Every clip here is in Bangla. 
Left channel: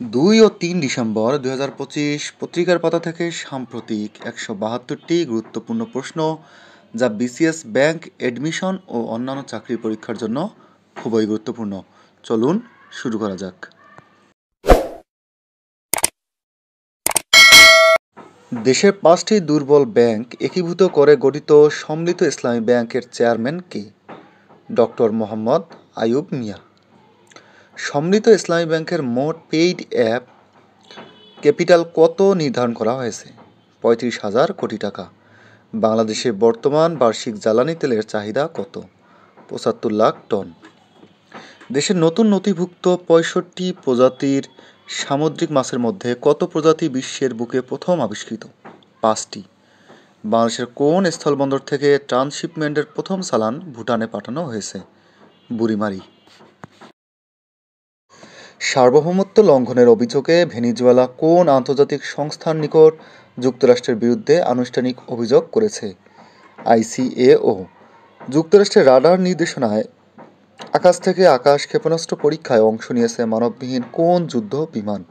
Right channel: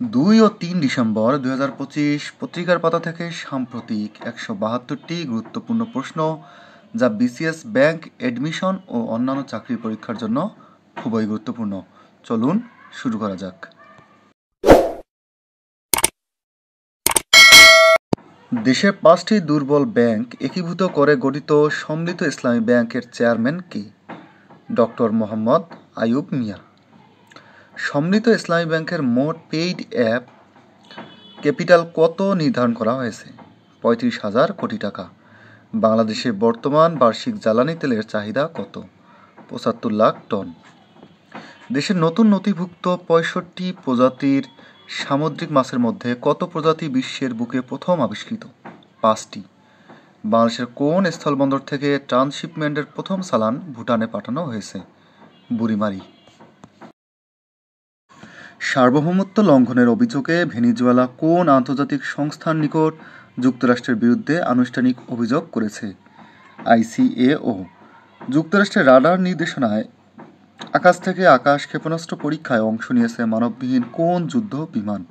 2 ও 3 ডিসেম্বর 2025 পত্রিকার পাতা থেকে সাম্প্রতিক 172টি গুরুত্বপূর্ণ প্রশ্ন যা বিসিএস ব্যাংক এডমিশন ও অন্যান্য চাকরি পরীক্ষার জন্য খুবই গুরুত্বপূর্ণ। চলুন শুরু করা যাক। দেশের 5টি দুর্বল ব্যাংক একীভূত করে গঠিত সম্মিলিত ইসলামী ব্যাংকের চেয়ারম্যান কে? ডক্টর মোহাম্মদ আইয়ুব মিয়া। সম্মিলিত ইসলামী ব্যাংকের মোট পেইড অ্যাপ ক্যাপিটাল কত নির্ধারণ করা হয়েছে? 35,000 কোটি টাকা। বাংলাদেশের বর্তমান বার্ষিক জ্বালানি তেলের চাহিদা কত? 75 লাখ টন। দেশের নতুন নথিভুক্ত 65 প্রজাতির সামুদ্রিক মাছের মধ্যে কত প্রজাতি বিশ্বের বুকে প্রথম আবিষ্কৃত? 5টি। বাংলাদেশের কোন স্থলবন্দর থেকে ট্রান্সশিপমেন্টের প্রথম চালান ভুটানে পাঠানো হয়েছে? বুড়িমারি। সার্বভৌমত্ব লঙ্ঘনের অভিযোগে ভেনেজুয়েলা কোন আন্তর্জাতিক সংস্থার নিকট যুক্তরাষ্ট্রের বিরুদ্ধে আনুষ্ঠানিক অভিযোগ করেছে? ICAO। যুক্তরাষ্ট্রের রাডার নির্দেশনায় আকাশ থেকে আকাশ ক্ষেপণাস্ত্র পরীক্ষায় অংশ নিয়েছে মানববিহীন কোন যুদ্ধ বিমান?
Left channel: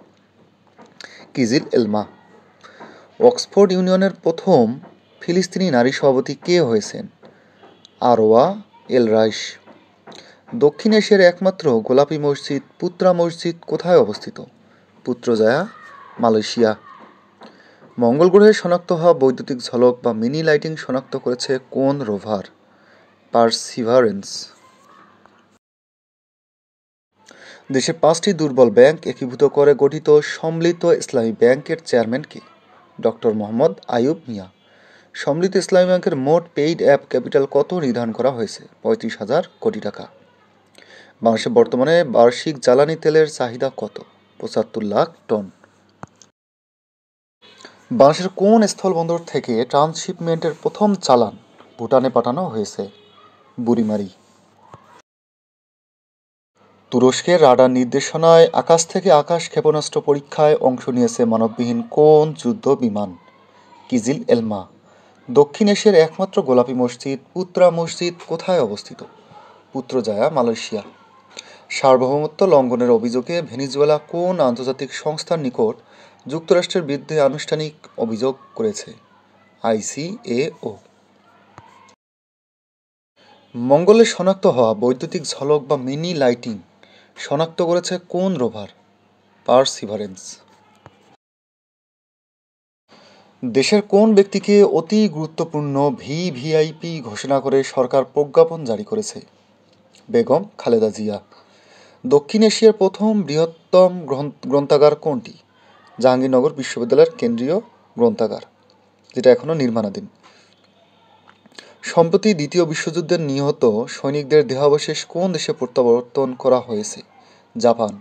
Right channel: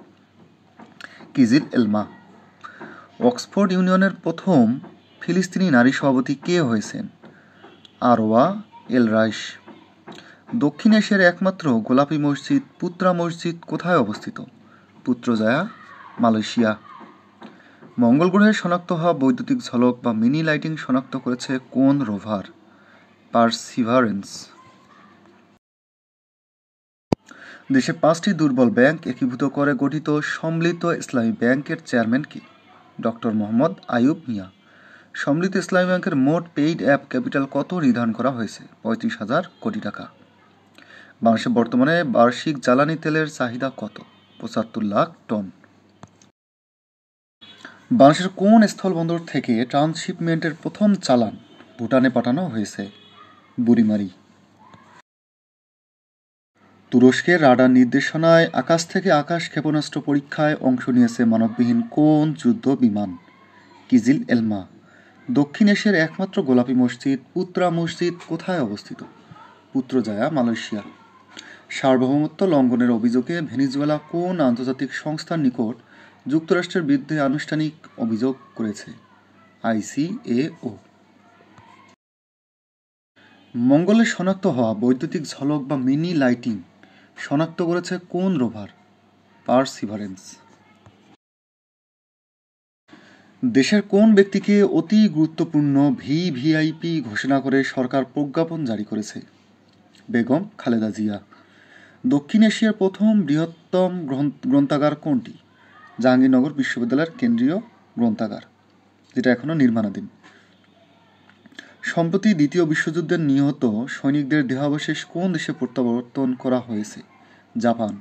কিজিল এলমা। অক্সফোর্ড ইউনিয়নের প্রথম ফিলিস্তিনি নারী সভাপতি কে হয়েছেন? আরওয়া এল রাইশ। দক্ষিণ এশিয়ার একমাত্র গোলাপি মসজিদ পুত্রা মসজিদ কোথায় অবস্থিত? পুত্রজায়া, মালয়েশিয়া। মঙ্গল গ্রহে শনাক্ত হওয়া বৈদ্যুতিক ঝলক বা মিনি লাইটিং শনাক্ত করেছে কোন রোভার? পারসিভারেন্স। দেশের 5টি দুর্বল ব্যাংক একীভূত করে গঠিত সম্মিলিত ইসলামী ব্যাংকের চেয়ারম্যান কে? ডক্টর মোহাম্মদ আইয়ুব মিয়া। সম্মিলিত ইসলামী ব্যাংকের মোট পেইড অ্যাপ ক্যাপিটাল কত নির্ধারণ করা হয়েছে? 35,000 কোটি টাকা। বাংলাদেশে বর্তমানে বার্ষিক জ্বালানি তেলের চাহিদা কত? 75 লাখ টন। বাংলাদেশের কোন স্থলবন্দর থেকে ট্রান্সশিপমেন্টের প্রথম চালান ভুটানে পাঠানো হয়েছে? বুড়িমারি। তুরস্কের রাডার নির্দেশনায় আকাশ থেকে আকাশ ক্ষেপণাস্ত্র পরীক্ষায় অংশ নিয়েছে মানববিহীন কোন যুদ্ধ বিমান? কিজিল এলমা। দক্ষিণ এশিয়ার একমাত্র গোলাপি মসজিদ পুত্রা মসজিদ কোথায় অবস্থিত? পুত্রজায়া, মালয়েশিয়া। সার্বভৌমত্ব লঙ্ঘনের অভিযোগে ভেনেজুয়েলা কোন আন্তর্জাতিক সংস্থার নিকট যুক্তরাষ্ট্রের বিরুদ্ধে আনুষ্ঠানিক অভিযোগ করেছে? ICAO। মঙ্গলে শনাক্ত হওয়া বৈদ্যুতিক ঝলক বা মিনি লাইটিং শনাক্ত করেছে কোন রোভার? পারসিভারেন্স। দেশের কোন ব্যক্তিকে অতি গুরুত্বপূর্ণ ভিভিআইপি ঘোষণা করে সরকার প্রজ্ঞাপন জারি করেছে? বেগম খালেদা জিয়া। দক্ষিণ এশিয়ার প্রথম বৃহত্তম গ্রন্থাগার কোনটি? জাহাঙ্গীরনগর বিশ্ববিদ্যালয়ের কেন্দ্রীয় গ্রন্থাগার, যেটা এখনও নির্মাণাধীন। সম্প্রতি দ্বিতীয় বিশ্বযুদ্ধের নিহত সৈনিকদের দেহাবশেষ কোন দেশে প্রত্যাবর্তন করা হয়েছে? জাপান।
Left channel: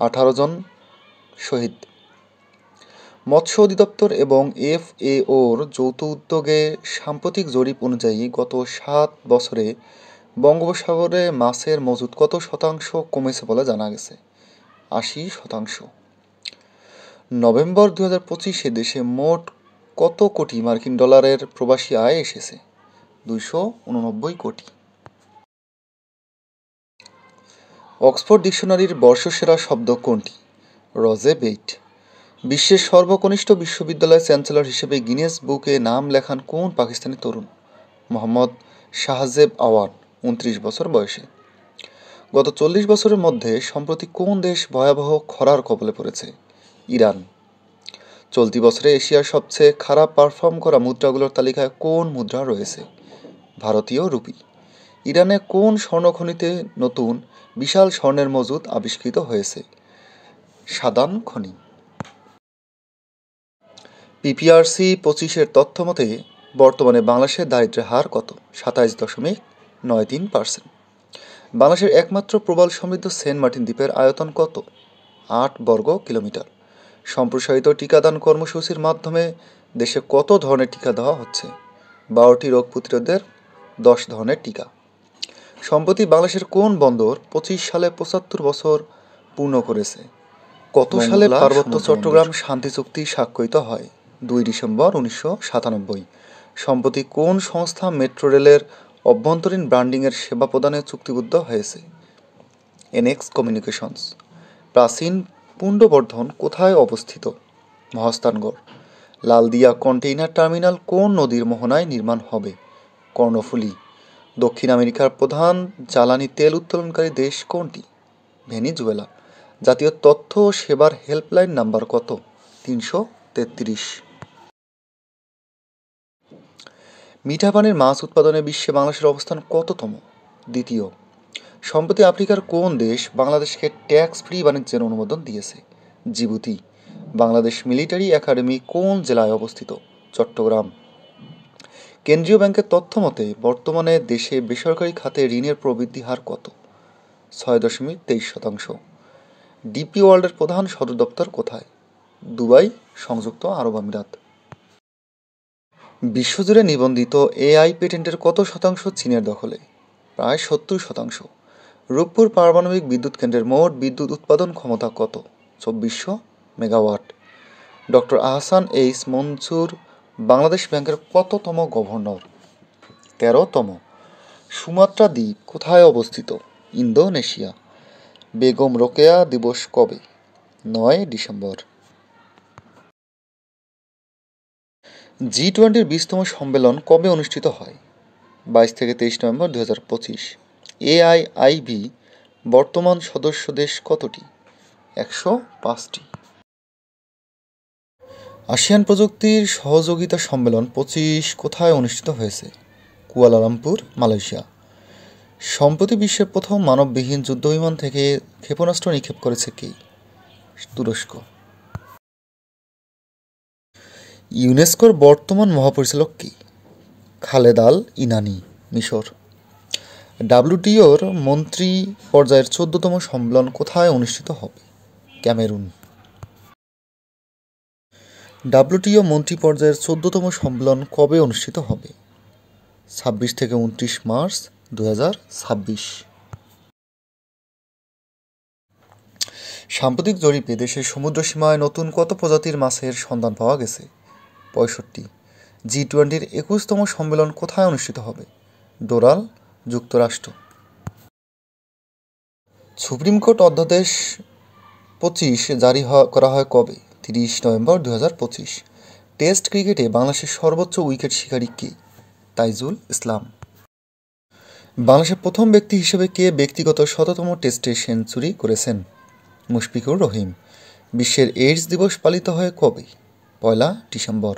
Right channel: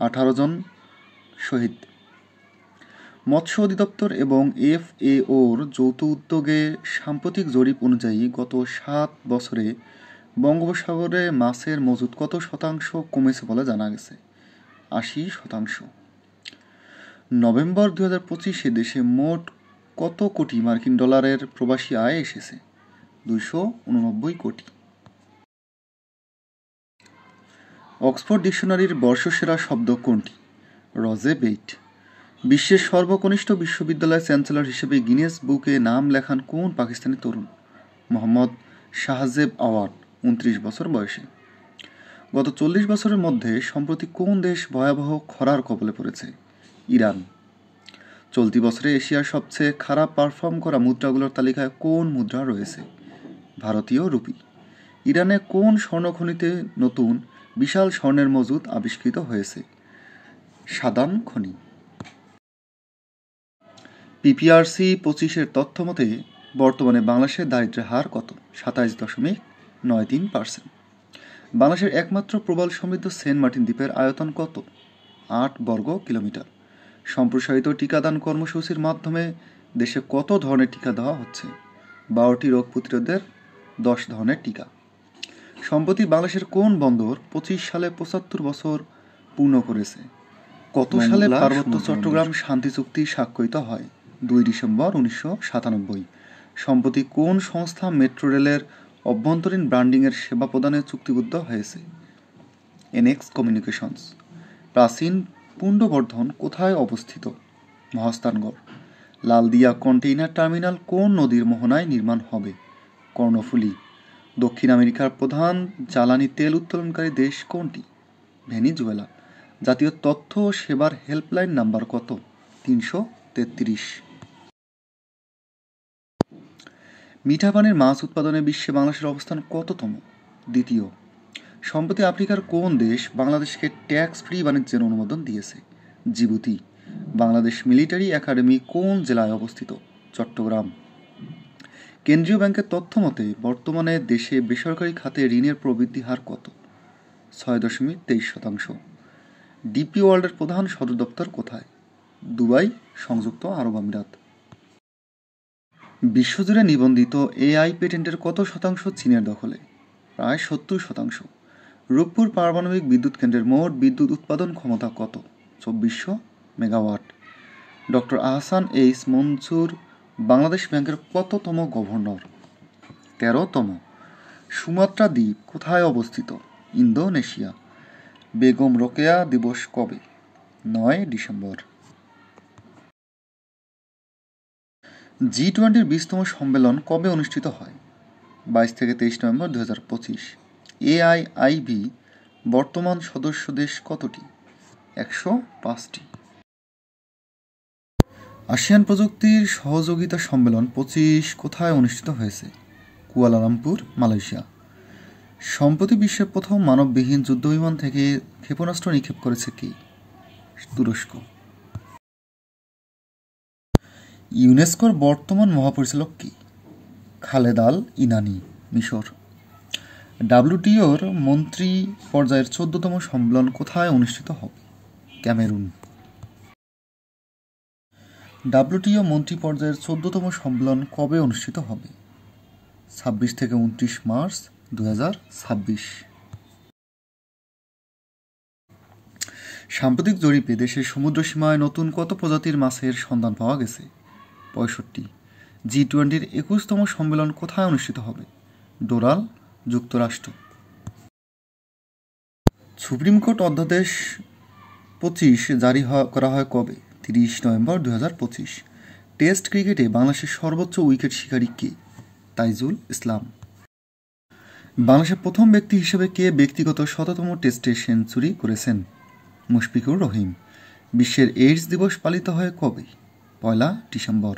18 জন শহীদ। মৎস্য অধিদপ্তর এবং FAOর যৌথ উদ্যোগে সাম্প্রতিক জরিপ অনুযায়ী গত 7 বছরে বঙ্গোপসাগরে মাছের মজুদ কত শতাংশ কমেছে বলে জানা গেছে? 80%। নভেম্বর 2025-এ দেশে মোট কত কোটি মার্কিন ডলারের প্রবাসী আয় এসেছে? 289 কোটি। অক্সফোর্ড ডিকশনারির বর্ষসেরা শব্দ কোনটি? রোজেবেট। বিশ্বের সর্বকনিষ্ঠ বিশ্ববিদ্যালয়ের চ্যান্সেলর হিসেবে গিনেস বুকে নাম লেখান কোন পাকিস্তানি তরুণ? মোহাম্মদ শাহজেব আওয়ান, 29 বছর বয়সে। গত 40 বছরের মধ্যে সম্প্রতি কোন দেশ ভয়াবহ খরার কবলে পড়েছে? ইরান। চলতি বছরে এশিয়ার সবচেয়ে খারাপ পারফর্ম করা মুদ্রাগুলোর তালিকায় কোন মুদ্রা রয়েছে? ভারতীয় রুপি। ইরানে কোন স্বর্ণখনিতে নতুন বিশাল স্বর্ণের মজুদ আবিষ্কৃত হয়েছে? সাদান খনি। PPRC 25-এর তথ্য মতে বর্তমানে বাংলাদেশের দারিদ্র্যের হার কত? 27.93%। বাংলাদেশের একমাত্র প্রবাল সমৃদ্ধ সেন্ট মার্টিন দ্বীপের আয়তন কত? 8 বর্গ কিলোমিটার। সম্প্রসারিত টিকাদান কর্মসূচির মাধ্যমে দেশে কত ধরনের টিকা দেওয়া হচ্ছে? 12টি রোগ প্রতিরোধের 10 ধরনের টিকা। সম্প্রতি বাংলাদেশের কোন বন্দর 25 সালে 75 বছর পূর্ণ করেছে? কত সালে পার্বত্য চট্টগ্রাম শান্তি চুক্তি স্বাক্ষরিত হয়? 2 ডিসেম্বর 1997। সম্প্রতি কোন সংস্থা মেট্রো রেলের অভ্যন্তরীণ ব্র্যান্ডিংয়ের সেবা প্রদানে চুক্তিবদ্ধ হয়েছে? NX communications. প্রাচীন পুণ্ডবর্ধন কোথায় অবস্থিত? মহাস্থানগড়। লালদিয়া কন্টেইনার টার্মিনাল কোন নদীর মোহনায় নির্মাণ হবে? কর্ণফুলী। দক্ষিণ আমেরিকার প্রধান জ্বালানি তেল উত্তোলনকারী দেশ কোনটি? ভেনিজুয়েলা। জাতীয় তথ্য ও সেবার হেল্পলাইন নাম্বার কত? 333। মিঠা পানির মাছ উৎপাদনে বিশ্বে বাংলাদেশের অবস্থান কততম? দ্বিতীয়। সম্প্রতি আফ্রিকার কোন দেশ বাংলাদেশকে ট্যাক্স ফ্রি বাণিজ্যের অনুমোদন দিয়েছে? জিবুতি। বাংলাদেশ মিলিটারি একাডেমি কোন জেলায় অবস্থিত? চট্টগ্রাম। কেন্দ্রীয় ব্যাংকের তথ্য মতে বর্তমানে দেশে বেসরকারি খাতে ঋণের প্রবৃদ্ধি হার কত? 6.23%। ডিপি ওয়ার্ল্ডের প্রধান সদর দপ্তর কোথায়? দুবাই, সংযুক্ত আরব আমিরাত। বিশ্বজুড়ে নিবন্ধিত এআই পেটেন্টের কত শতাংশ চীনের দখলে? প্রায় 70%। রূপপুর পারমাণবিক বিদ্যুৎ কেন্দ্রের মোট বিদ্যুৎ উৎপাদন ক্ষমতা কত? 2400 megawatt. Doctor Ahsan H Mansur Bangladesh ব্যাংকের কততম গভর্নর? 13তম। সুমাত্রা দ্বীপ কোথায় অবস্থিত? ইন্দোনেশিয়া। বেগম রোকেয়া দিবস কবে? 9 ডিসেম্বর। G20 20তম সম্মেলন কবে অনুষ্ঠিত হয়? 22 থেকে 23 নভেম্বর 2025। AIIB বর্তমান সদস্য দেশ কতটি? 105টি। আসিয়ান প্রযুক্তির সহযোগিতা সম্মেলন 25 কোথায় অনুষ্ঠিত হয়েছে? Kuala Lumpur, Malaysia. সম্প্রতি বিশ্বের প্রথম মানববিহীন যুদ্ধবিমান থেকে ক্ষেপণাস্ত্র নিক্ষেপ করেছে কে? তুরস্ক। ইউনেস্কোর বর্তমান মহাপরিচালক কি? খালেদ আল ইনানি, মিশর। WTOর মন্ত্রী পর্যায়ের 14তম সম্মেলন কোথায় অনুষ্ঠিত হবে? ক্যামেরুন। WTO মন্ত্রী পর্যায়ের 14তম সম্মেলন কবে অনুষ্ঠিত হবে? 26 থেকে 29 মার্চ 2026। সাম্প্রতিক জরিপে দেশের সমুদ্রসীমায় নতুন কত প্রজাতির মাছের সন্ধান পাওয়া গেছে? 65। G20 21তম সম্মেলন কোথায় অনুষ্ঠিত হবে? ডোরাল, যুক্তরাষ্ট্র। সুপ্রিম কোর্ট অধ্যাদেশ 25 জারি করা হয় কবে? 30 নভেম্বর 2025। টেস্ট ক্রিকেটে বাংলাদেশের সর্বোচ্চ উইকেট শিকারী কে? তাইজুল ইসলাম। বাংলাদেশের প্রথম ব্যক্তি হিসেবে কে ব্যক্তিগত 100তম টেস্টে সেঞ্চুরি করেছেন? মুশফিকুর রহিম। বিশ্বের এইডস দিবস পালিত হয় কবে? 1 ডিসেম্বর।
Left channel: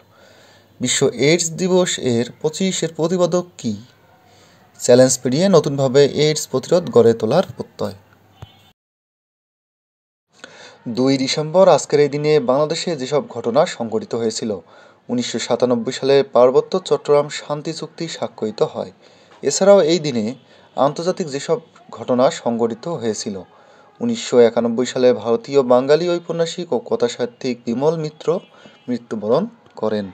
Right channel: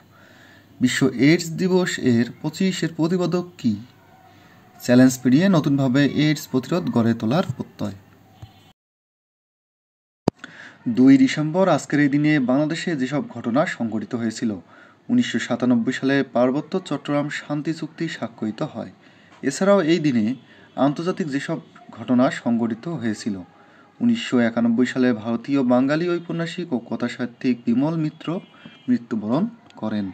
বিশ্ব এইডস দিবস এর 25 প্রতিপাদক কি? চ্যালেঞ্জ পেরিয়ে নতুনভাবে এইডস প্রতিরোধ গড়ে তোলার প্রত্যয়। 2 ডিসেম্বর আজকের এই দিনে বাংলাদেশে যেসব ঘটনা সংঘটিত হয়েছিল: 1997 সালে পার্বত্য চট্টগ্রাম শান্তি চুক্তি স্বাক্ষরিত হয়। এছাড়াও এই দিনে আন্তর্জাতিক যেসব ঘটনা সংঘটিত হয়েছিল: 1991 সালে ভারতীয় বাঙালি ঔপন্যাসিক ও কথাসাহিত্যিক বিমল মিত্র মৃত্যুবরণ করেন।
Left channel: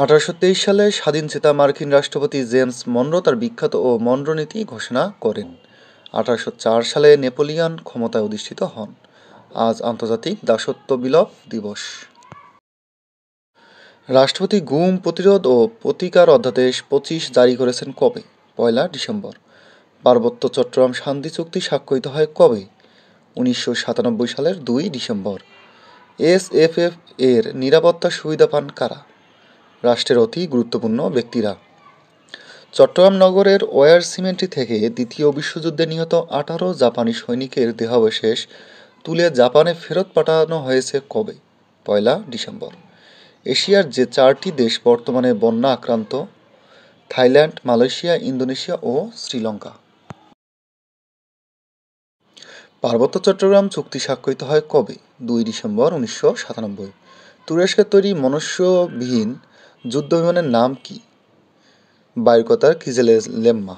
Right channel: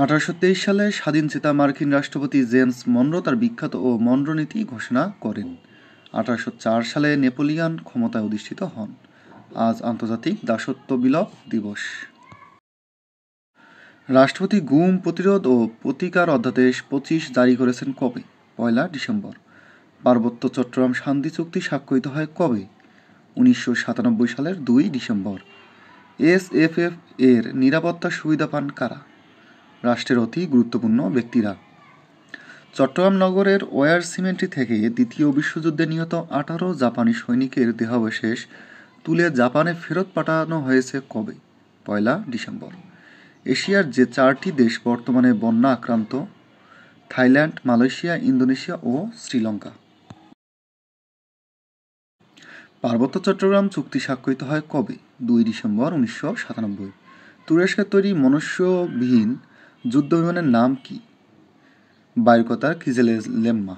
1823 সালে স্বাধীনচেতা মার্কিন রাষ্ট্রপতি জেমস মনরো তার বিখ্যাত ও মনরো নীতি ঘোষণা করেন। 1804 সালে নেপোলিয়ন ক্ষমতায় অধিষ্ঠিত হন। আজ আন্তর্জাতিক দাসত্ব বিলোপ দিবস। রাষ্ট্রপতি গুম প্রতিরোধ ও প্রতিকার অধ্যাদেশ 25 জারি করেছেন কবে? 1 ডিসেম্বর। পার্বত্য চট্টগ্রাম শান্তি চুক্তি স্বাক্ষরিত হয় কবে? 1997 সালের 2 ডিসেম্বর। SFF এর নিরাপত্তা সুবিধা পান কারা? রাষ্ট্রের অতি গুরুত্বপূর্ণ ব্যক্তিরা। চট্টগ্রাম নগরের ওয়্যার সিমেন্ট্রি থেকে দ্বিতীয় বিশ্বযুদ্ধে নিহত 18 জাপানি সৈনিকের দেহাবশেষ তুলে জাপানে ফেরত পাঠানো হয়েছে কবে? 1 ডিসেম্বর। এশিয়ার যে 4টি দেশ বর্তমানে বন্যা আক্রান্ত: থাইল্যান্ড, মালয়েশিয়া, ইন্দোনেশিয়া ও শ্রীলঙ্কা। পার্বত্য চট্টগ্রাম চুক্তি স্বাক্ষরিত হয় কবে? 2 ডিসেম্বর 1997। তুরস্কের তৈরি মনুষ্যবিহীন যুদ্ধবিমানের নাম কি? বায়ুকতার কিজেলেম্মা।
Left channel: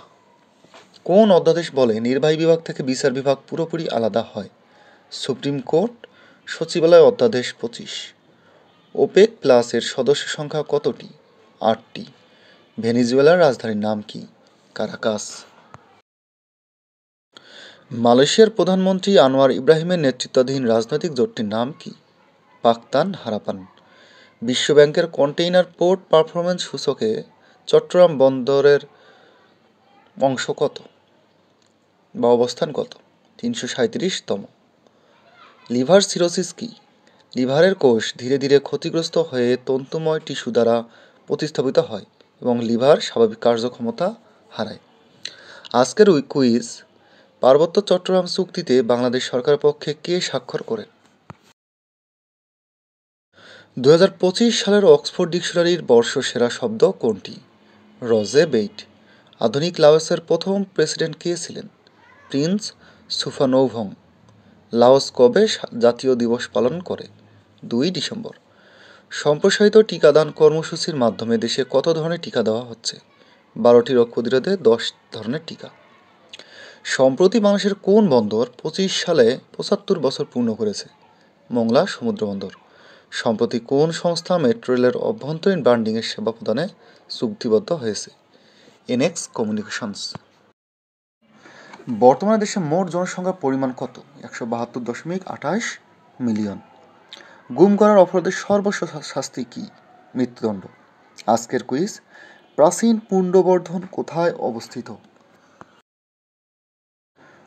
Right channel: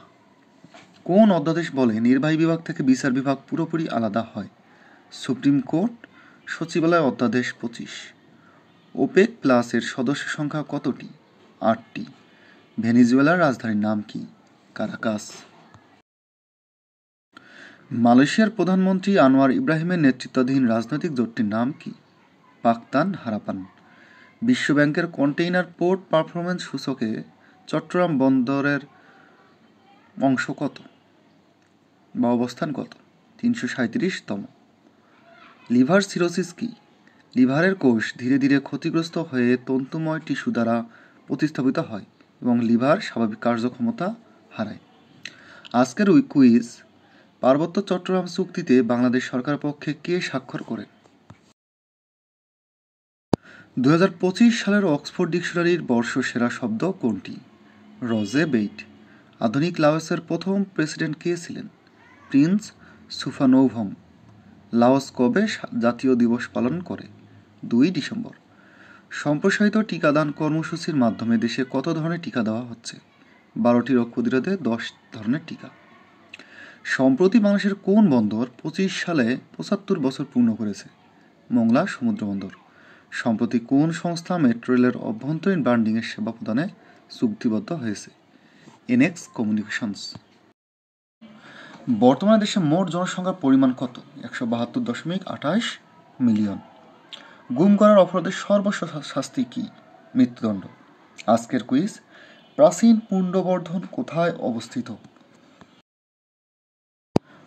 কোন অধ্যাদেশ বলে নির্বাহী বিভাগ থেকে বিচার বিভাগ পুরোপুরি আলাদা হয়? সুপ্রিম কোর্ট সচিবালয় অধ্যাদেশ 25। ওপেক প্লাস এর সদস্য সংখ্যা কতটি? 8টি। ভেনিজুয়েলার রাজধানীর নাম কি? কারাকাস। মালয়েশিয়ার প্রধানমন্ত্রী আনোয়ার ইব্রাহিমের নেতৃত্বাধীন রাজনৈতিক জোটটির নাম কি? পাকতান হারাপান। বিশ্বব্যাংকের কন্টেইনার পোর্ট পারফরম্যান্স সূচকে চট্টগ্রাম বন্দরের অংশ কত বা অবস্থান কত? 337তম। লিভার সিরোসিস কি? লিভারের কোষ ধীরে ধীরে ক্ষতিগ্রস্ত হয়ে তন্তুময় টিস্যু দ্বারা প্রতিস্থাপিত হয় এবং লিভার স্বাভাবিক কার্যক্ষমতা হারায়। আজকের কুইজ, পার্বত্য চট্টগ্রাম চুক্তিতে বাংলাদেশ সরকারের পক্ষে কে স্বাক্ষর করে? 2025 সালের অক্সফোর্ড ডিকশনারির বর্ষসেরা শব্দ কোনটি? রজে বেইট। আধুনিক লাওসের প্রথম প্রেসিডেন্ট কে ছিলেন? প্রিন্স সুফানোভং। লাওস কবে জাতীয় দিবস পালন করে? 2 ডিসেম্বর। সম্প্রসারিত টিকাদান কর্মসূচির মাধ্যমে দেশে কত ধরনের টিকা দেওয়া হচ্ছে? 12টি রোগ প্রতিরোধে 10 ধরনের টিকা। সম্প্রতি বাংলাদেশের কোন বন্দর 25 সালে 75 বছর পূর্ণ করেছে? মংলা সমুদ্র বন্দর। সম্প্রতি কোন সংস্থা মেট্রো রেলের অভ্যন্তরীণ ব্র্যান্ডিংয়ের সেবা প্রদানে চুক্তিবদ্ধ হয়েছে? NX communications. বর্তমানে দেশে মোট জনসংখ্যার পরিমাণ কত? 172.28 মিলিয়ন। গুম করার অপরাধের সর্বোচ্চ শাস্তি কি? মৃত্যুদণ্ড। আজকের কুইজ, প্রাচীন পুণ্ড্রবর্ধন কোথায় অবস্থিত?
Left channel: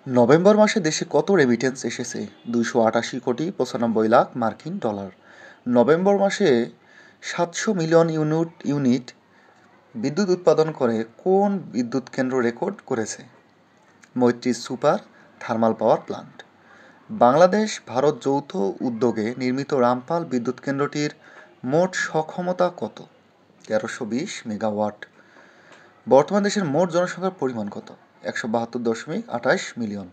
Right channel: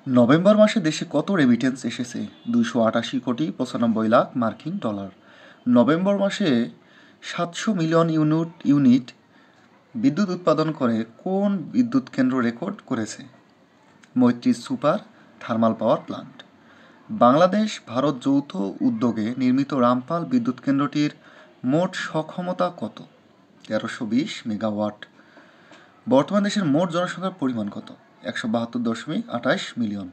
নভেম্বর মাসে দেশে কত রেমিটেন্স এসেছে? 288 কোটি 95 লাখ মার্কিন ডলার। নভেম্বর মাসে 700 মিলিয়ন ইউনিট বিদ্যুৎ উৎপাদন করে কোন বিদ্যুৎ কেন্দ্র রেকর্ড করেছে? মৈত্রী super thermal power plant. Bangladesh Bharat যৌথ উদ্যোগে নির্মিত রামপাল বিদ্যুৎ কেন্দ্রটির মোট সক্ষমতা কত? 1320 মেগাওয়াট। বর্তমান দেশের মোট জনসংখ্যার পরিমাণ কত? 172.28 মিলিয়ন।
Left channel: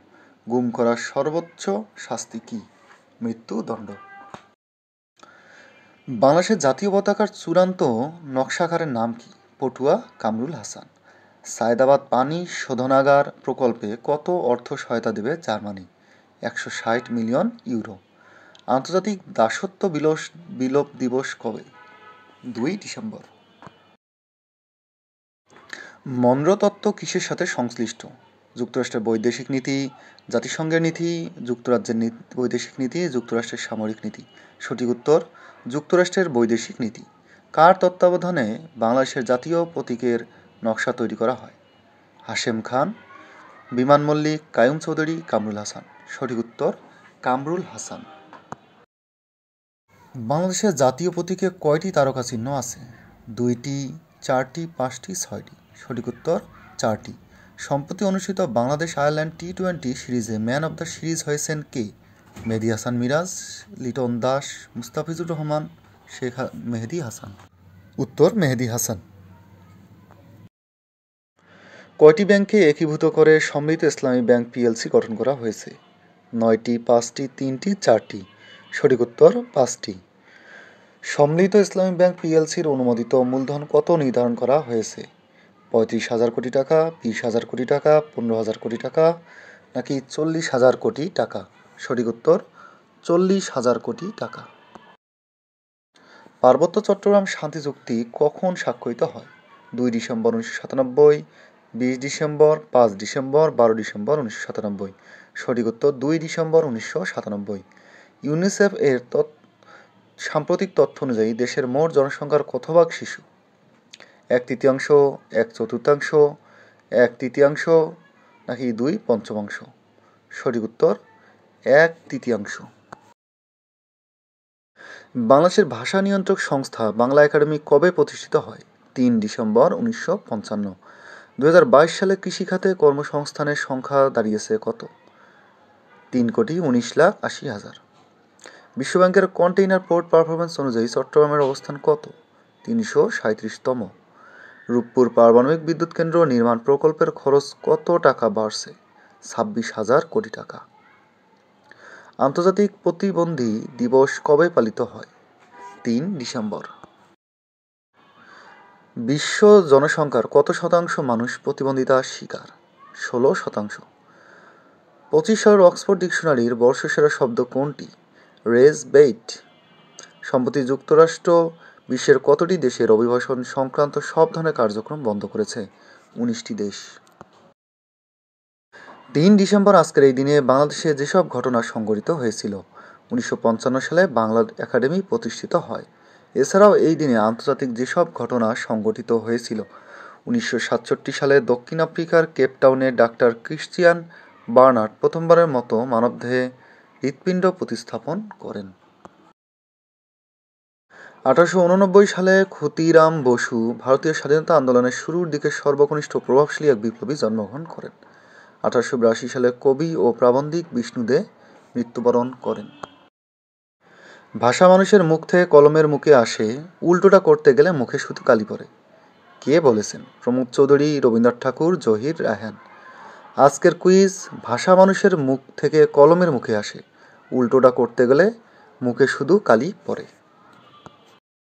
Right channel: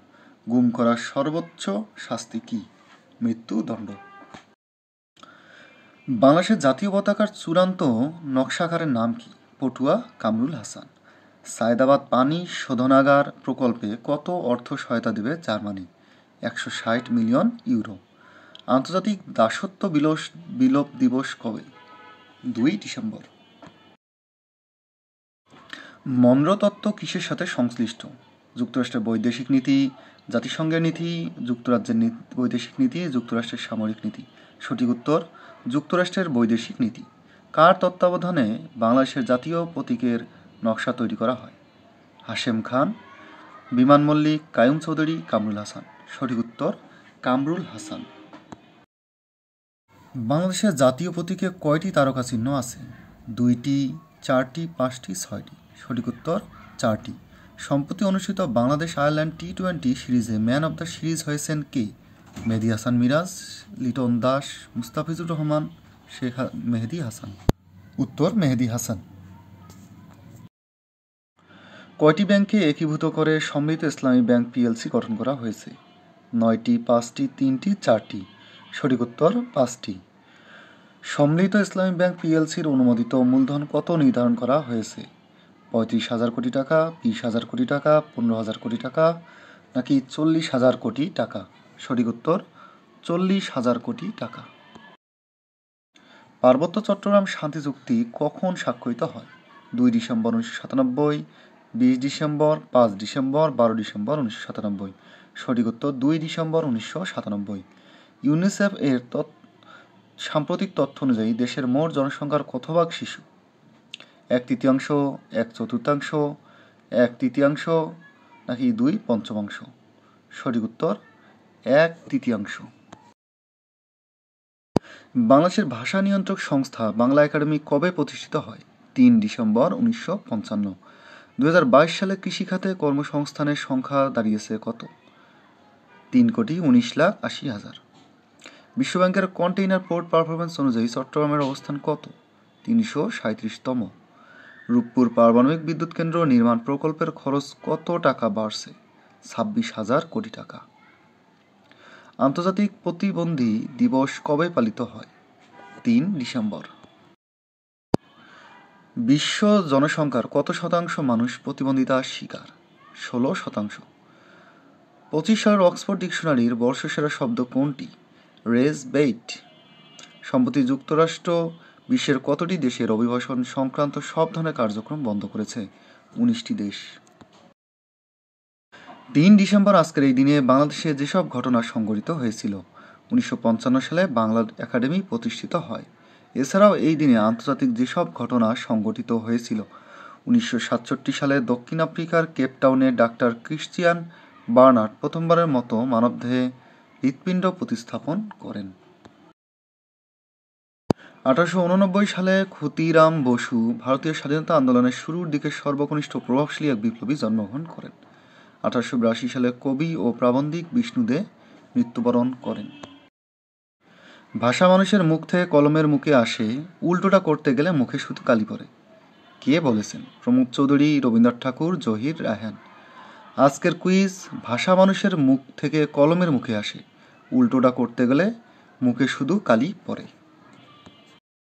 গুম করার সর্বোচ্চ শাস্তি কি? মৃত্যুদণ্ড। বাংলাদেশের জাতীয় পতাকার চূড়ান্ত নকশাকারের নাম কি? পটুয়া কামরুল হাসান। সায়দাবাদ পানি শোধনাগার প্রকল্পে কত অর্থ সহায়তা দেবে জার্মানি? 160 million euro. আন্তর্জাতিক দাসত্ব বিলোপ দিবস কবে? 2 ডিসেম্বর। মনরো তত্ত্ব কিসের সাথে সংশ্লিষ্ট? যুক্তরাষ্ট্রের বৈদেশিক নীতি, জাতিসংঘের নীতি, যুক্তরাজ্যের বৈদেশিক নীতি, যুক্তরাষ্ট্রের সামরিক নীতি। সঠিক উত্তর যুক্তরাষ্ট্রের বৈদেশিক নীতি। কার তত্ত্বাবধানে বাংলাদেশের জাতীয় প্রতীকের নকশা তৈরি করা হয়? হাশেম খান, বিমান মল্লিক, কায়ুম চৌধুরী, কামরুল হাসান। সঠিক উত্তর কামরুল হাসান। বাংলাদেশের জাতীয় প্রতীকে কয়টি তারকা চিহ্ন আছে? 2টি, 4টি, 5টি, 6টি। সঠিক উত্তর 4টি। সম্প্রতি অনুষ্ঠিত বাংলাদেশ আয়ারল্যান্ড টি-20 সিরিজে ম্যান অব দ্য সিরিজ হয়েছেন কে? মেহেদী হাসান মিরাজ, লিটন দাস, মুস্তাফিজুর রহমান, মেহেদী হাসান। উত্তর মেহেদী হাসান। কয়টি ব্যাংকে একীভূত করে সমৃদ্ধ ইসলামী ব্যাংক পিএলসি গঠন করা হয়েছে? 9টি, 5টি, 3টি, 4টি। সঠিক উত্তর 5টি। সম্মিলিত ইসলামী ব্যাংক পিএলসির অনুমোদিত মূলধন কত নির্ধারণ করা হয়েছে? 35,000 কোটি টাকা, 20,000 কোটি টাকা, 15,000 কোটি টাকা, নাকি 40,000 কোটি টাকা? সঠিক উত্তর 40,000 কোটি টাকা। পার্বত্য চট্টগ্রাম শান্তি চুক্তি কখন স্বাক্ষরিত হয়? 2 ডিসেম্বর 1997, 20 ডিসেম্বর, 5 ডিসেম্বর, 12 ডিসেম্বর 1997। সঠিক উত্তর 2 ডিসেম্বর 1997। ইউনিসেফ এর সাম্প্রতিক তথ্য অনুযায়ী দেশের মোট জনসংখ্যার কত ভাগ শিশু? 1/3, 1/4, 1/3, নাকি 2/5? সঠিক উত্তর 1/3। বাংলাদেশের ভাষা নিয়ন্ত্রক সংস্থা বাংলা একাডেমি কবে প্রতিষ্ঠিত হয়? 3 ডিসেম্বর 1955। 2022 সালে কৃষিখাতে কর্মসংস্থানের সংখ্যা দাঁড়িয়েছে কত? 3,19,80,000। বিশ্বব্যাংকের কন্টেইনার পোর্ট পারফরমেন্স অনুযায়ী চট্টগ্রামের অবস্থান কত? 337তম। রূপপুর পারমাণবিক বিদ্যুৎ কেন্দ্র নির্মাণ প্রকল্পের খরচ কত টাকা বাড়ছে? 26,000 কোটি টাকা। আন্তর্জাতিক প্রতিবন্ধী দিবস কবে পালিত হয়? 3 ডিসেম্বর। বিশ্ব জনসংখ্যার কত শতাংশ মানুষ প্রতিবন্ধিতার শিকার? 16%। 25 সালের অক্সফোর্ড ডিকশনারির বর্ষসেরা শব্দ কোনটি? Rage bait. সম্প্রতি যুক্তরাষ্ট্র বিশ্বের কতটি দেশের অভিবাসন সংক্রান্ত সব ধরনের কার্যক্রম বন্ধ করেছে? 19টি দেশ। 3 ডিসেম্বর আজকের এই দিনে বাংলাদেশে যেসব ঘটনা সংঘটিত হয়েছিল? 1955 সালে বাংলা একাডেমি প্রতিষ্ঠিত হয়। এছাড়াও এই দিনে আন্তর্জাতিক যেসব ঘটনা সংঘটিত হয়েছিল? 1967 সালে দক্ষিণ আফ্রিকার কেপটাউনে ডাক্তার ক্রিশ্চিয়ান বার্নার্ড প্রথমবারের মতো মানবদেহে হৃৎপিণ্ড প্রতিস্থাপন করেন। 1889 সালে ক্ষুদিরাম বসু ভারতীয় স্বাধীনতা আন্দোলনের শুরুর দিকে সর্বকনিষ্ঠ প্রভাবশালী এক বিপ্লবী জন্মগ্রহণ করেন। 1882 সালে কবি ও প্রাবন্ধিক বিষ্ণু দে মৃত্যুবরণ করেন। ভাষা মানুষের মুখ থেকে কলমের মুখে আসে, উল্টোটা করতে গেলে মুখে শুধু কালি পড়ে। কে বলেছেন? প্রমোদ চৌধুরী, রবীন্দ্রনাথ ঠাকুর, জহির রায়হান। আজকের কুইজ, ভাষা মানুষের মুখ থেকে কলমের মুখে আসে, উল্টোটা করতে গেলে মুখে শুধু কালি পড়ে।